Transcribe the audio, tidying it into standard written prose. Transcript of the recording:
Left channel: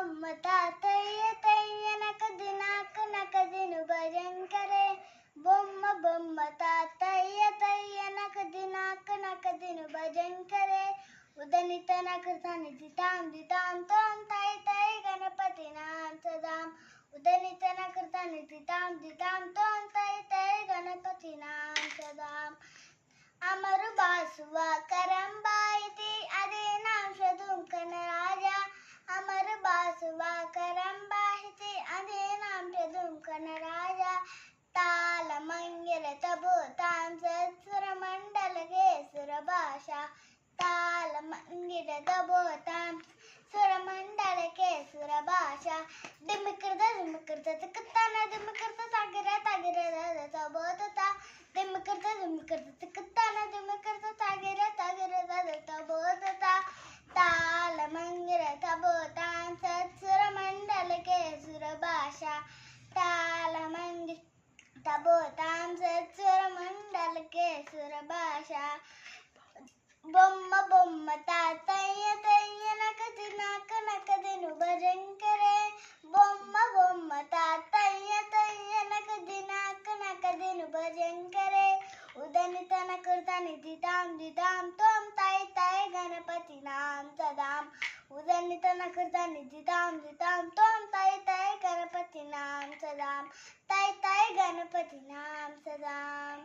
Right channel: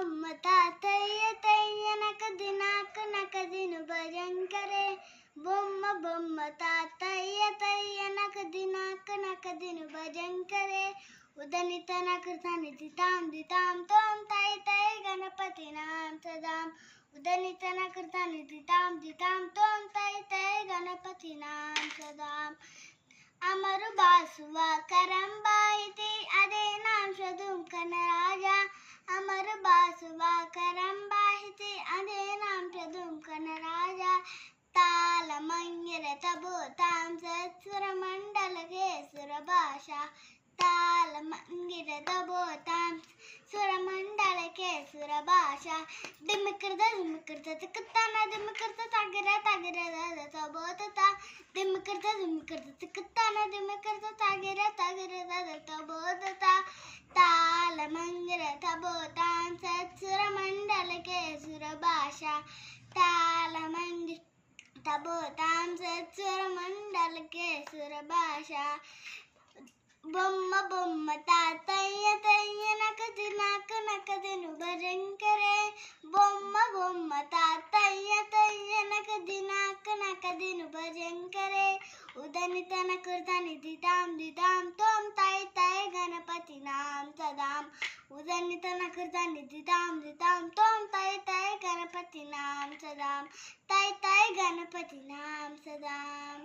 బొమ్మ తాతయ్య తయ్య నకదిను భజంకరే బొమ్మ తాతయ్య తయ్య నకదిను భజంకరే ఉదనిత నకృతాని దితాం తోం తై తై గణపతి నాం సదాం ఉదనిత నకృతాని దితాం తోం తై తై గణపతి నాం సదాం अमर बासुवा करंबा इति अदे नाम शदुम कन राजा अमर बासुवा करंबा इति अदे नाम शदुम कन राजा ताल मंगिर तबो ताम सत्सुर मंडल के सुर भाषा ताल मंगिर तबो ताम सुर मंडल के सुर भाषा दिमकृत तकतान दिमकृत तगिर तबो तता दिमकृत तकतान दिमकृत तगिर तबो तता ताल मंगिर तबो ताम सत्सुर मंडल के सुर भाषा ताल मंगिर तबो ताम सत्सुर मंडल के सुर भाषा బొమ్మ తాతయ్య తయ్య నకదిను భజంకరే బొమ్మ తాతయ్య తయ్య నకదిను భజంకరే ఉదనిత నకృతాని దితాం తోం తై తై గణపతి నాం సదాం ఉదనిత నకృతాని దితాం తోం తై తై గణపతి నాం సదాం తై తై గణపతి నాం సదాం